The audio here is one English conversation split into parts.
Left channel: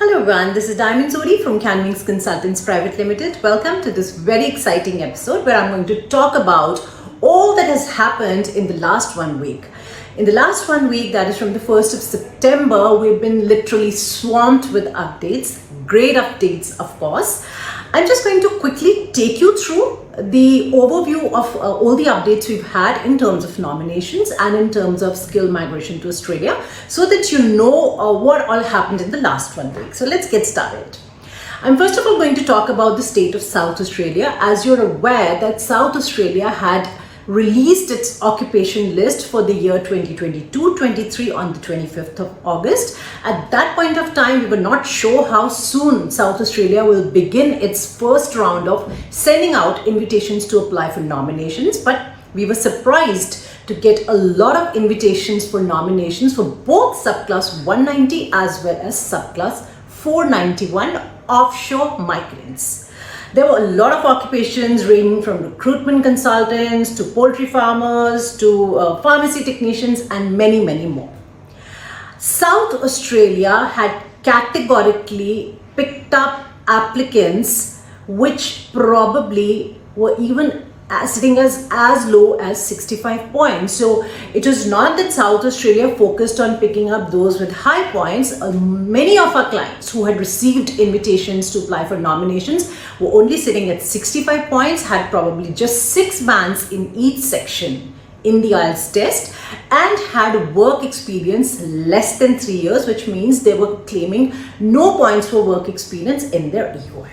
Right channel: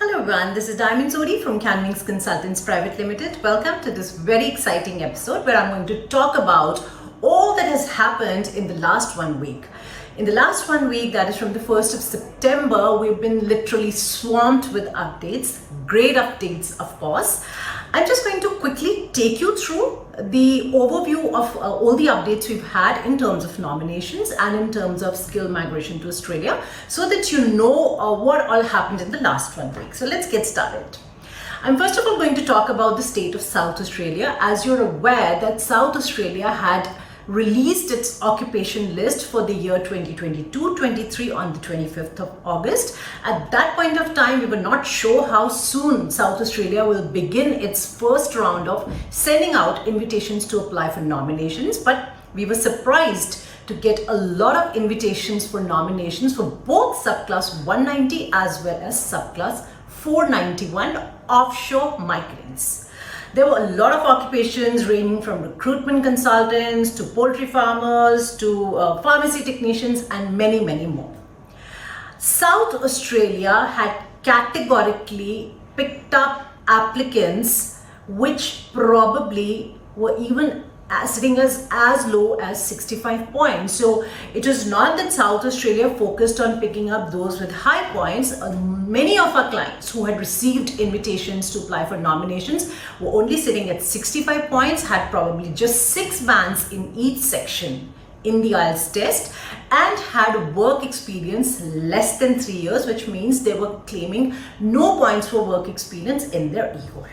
Hello everyone, this is Sodhi from CAAN Wings Consultants Private Limited. Welcome to this very exciting episode where I'm going to talk about all that has happened in the last 1 week. In the last 1 week, that is from the 1st of September, we've been literally swamped with updates, great updates of course. I'm just going to quickly take you through the overview of all the updates we've had in terms of nominations and in terms of skill migration to Australia so that you know what all happened in the last 1 week. So let's get started. I'm first of all going to talk about the state of South Australia. As you're aware that South Australia had released its occupation list for the year 2022-23 on the 25th of August. At that point of time, we were not sure how soon South Australia will begin its first round of sending out invitations to apply for nominations, but we were surprised to get a lot of invitations for nominations for both subclass 190 as well as subclass 491 offshore migrants. There were a lot of occupations ranging from recruitment consultants to poultry farmers to pharmacy technicians and many, many more. South Australia had categorically picked up applicants which probably were even sitting as low as 65 points. So it was not that South Australia focused on picking up those with high points. Many of our clients who had received invitations to apply for nominations were only sitting at 65 points, had probably just 6 bands in each section in the IELTS test and had work experience less than 3 years, which means they were claiming no points for work experience in their EOM.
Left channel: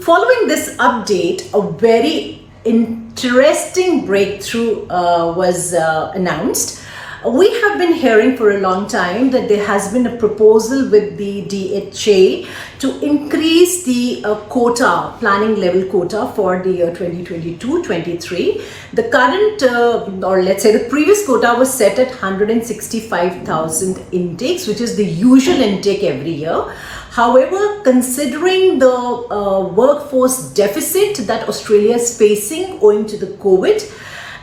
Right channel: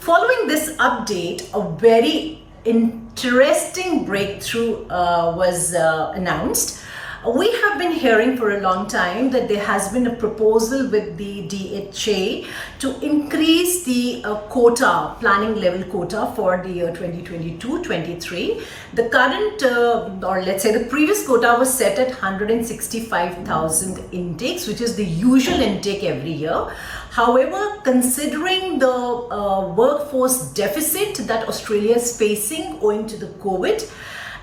Following this update, a very interesting breakthrough was announced. We have been hearing for a long time that there has been a proposal with the DHA to increase the quota, planning level quota for the year 2022-23. The current, or let's say the previous quota was set at 165,000 intakes, which is the usual intake every year. However, considering the workforce deficit that Australia is facing owing to the COVID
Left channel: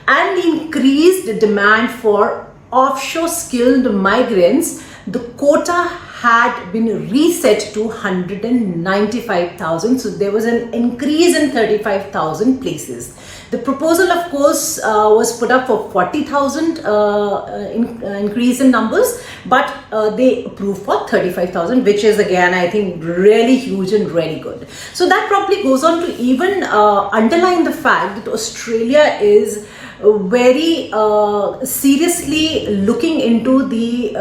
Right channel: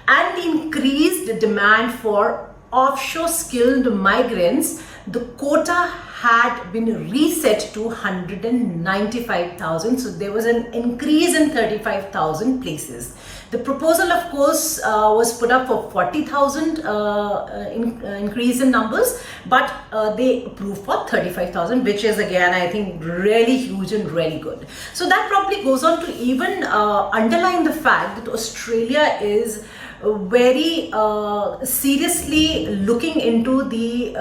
and the increased demand for offshore skilled migrants, the quota had been reset to 195,000. So there was an increase in 35,000 places. The proposal, of course, was put up for 40,000 increase in numbers, but they approved for 35,000, which is again, I think, really huge and really good. So that probably goes on to even underline the fact that Australia is very seriously looking into the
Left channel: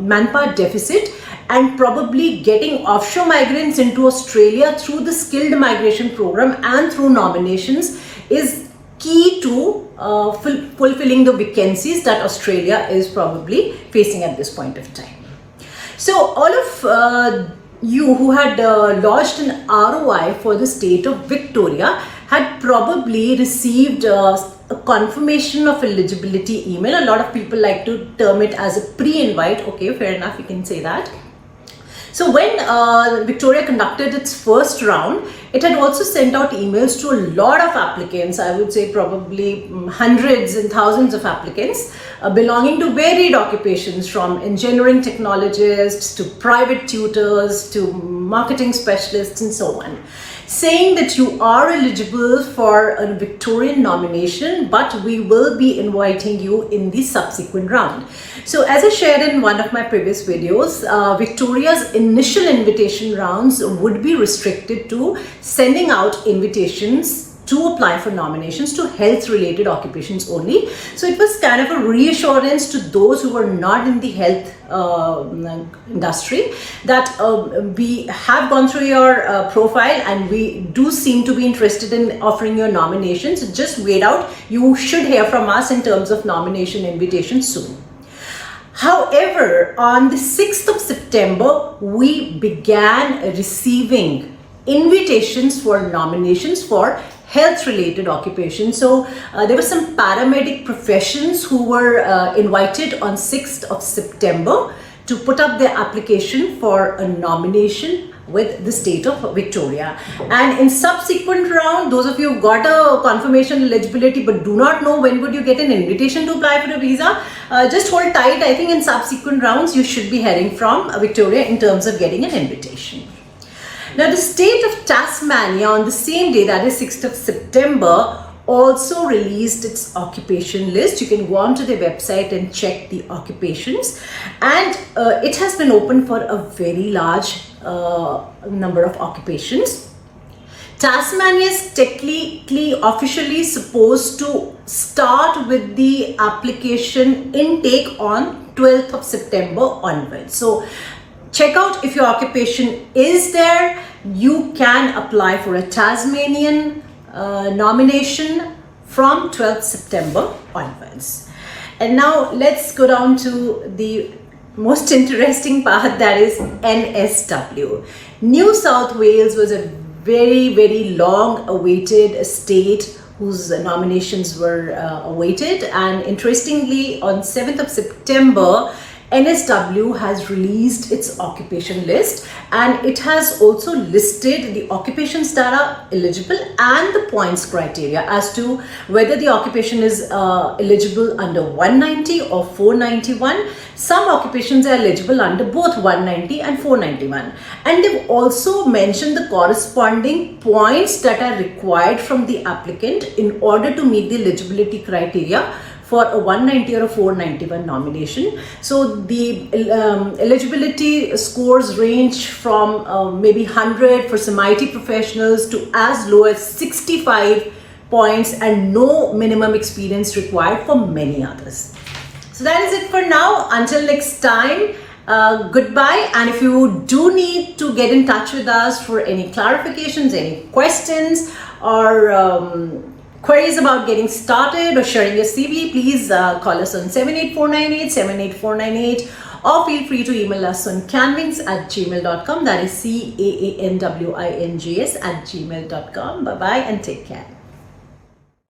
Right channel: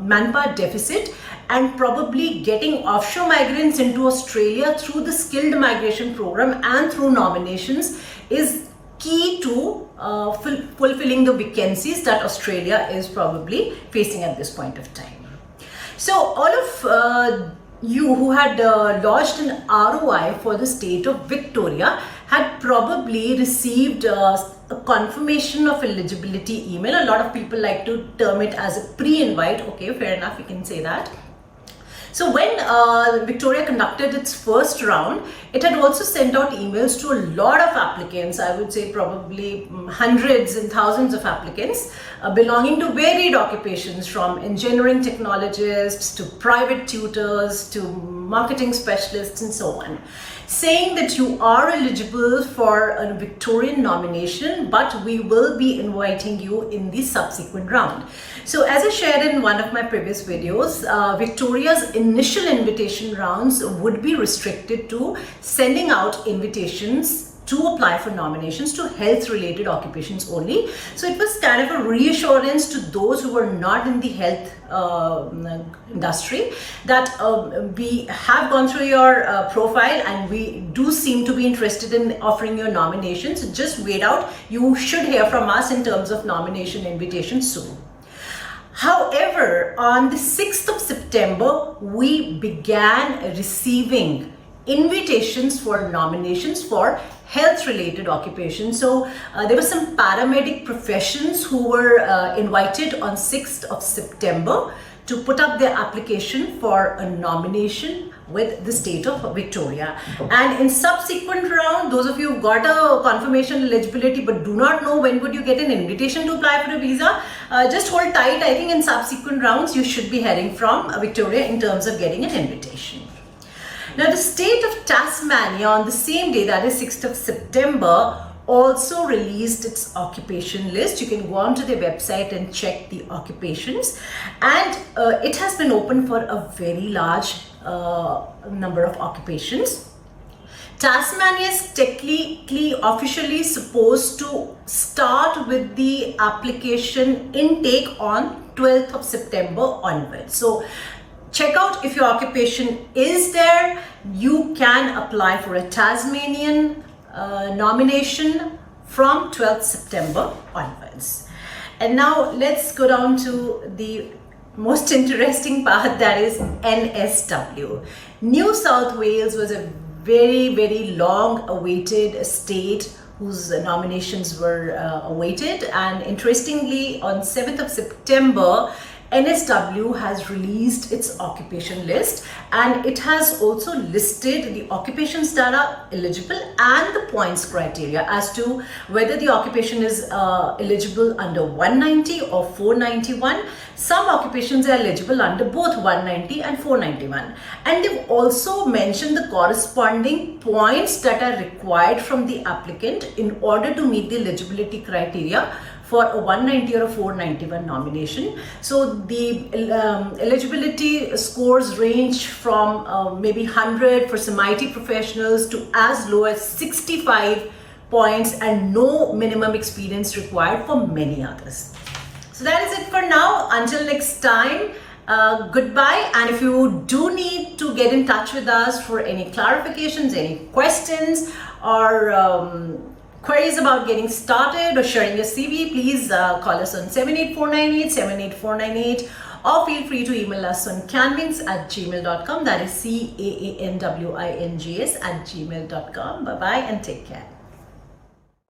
manpower deficit and probably getting offshore migrants into Australia through the skilled migration program and through nominations is key to fulfilling the vacancies that Australia is probably facing at this point of time. So all of you who had lodged an ROI for the state of Victoria had probably received a confirmation of eligibility email. A lot of people like to term it as a pre-invite. Okay, fair enough, you can say that. So when Victoria conducted its first round, it had also sent out emails to a lot of applicants. I would say probably hundreds and thousands of applicants belonging to varied occupations, from engineering technologists to private tutors to marketing specialists and so on, saying that you are eligible for a Victorian nomination, but we will be inviting you in the subsequent round. So as I shared in one of my previous videos, Victoria's initial invitation rounds would be restricted to sending out invitations to apply for nominations to health related occupations only. So it was kind of a reassurance to those who were not in the health industry that we have gone through your profile and we do seem to be interested in offering your nominations. Just wait out. You should hear from us in terms of nomination invitations soon. However, on the 6th of September, we began receiving invitations for nominations for health related occupations. So there were some paramedic professions who were invited on 6th of September to put up their application for a nomination with the state of Victoria. And in subsequent round, those of you who've got a confirmation eligibility but do not know when would you get an invitation to apply for a visa, just hold tight. I think in subsequent rounds, you should be heading from Victoria in terms of getting an invitation. Now, the state of Tasmania on the same day, that is 6th of September, also released its occupation list. You can go onto their website and check the occupations, and it has been open for a very large number of occupations. Tasmania is technically officially supposed to start with the application intake on 12th of September onwards. So check out if your occupation is there. You can apply for a Tasmanian nomination from 12th September onwards. And now let's go down to the most interesting part, that is NSW. New South Wales was a very long awaited state whose nominations were awaited, and interestingly on 7th of September NSW has released its occupation list, and it has also listed the occupations that are eligible and the points criteria as to whether the occupation is eligible under 190 or 491. Some occupations are eligible under both 190 and 491, and they've also mentioned the corresponding points that are required from the applicant in order to meet the eligibility criteria for a 190 or a 491 nomination. So the eligibility scores range from maybe 100 for some IT professionals to as low as 65 points, and no minimum experience required for many others. So that is it for now. Until next time, goodbye. And if you do need to get in touch with us for any clarifications, any questions, or queries about getting started or sharing your CV, please call us on 78498, or feel free to email us on CaanWings@gmail.com. That is CAANWINGS@gmail.com. Bye-bye and take care.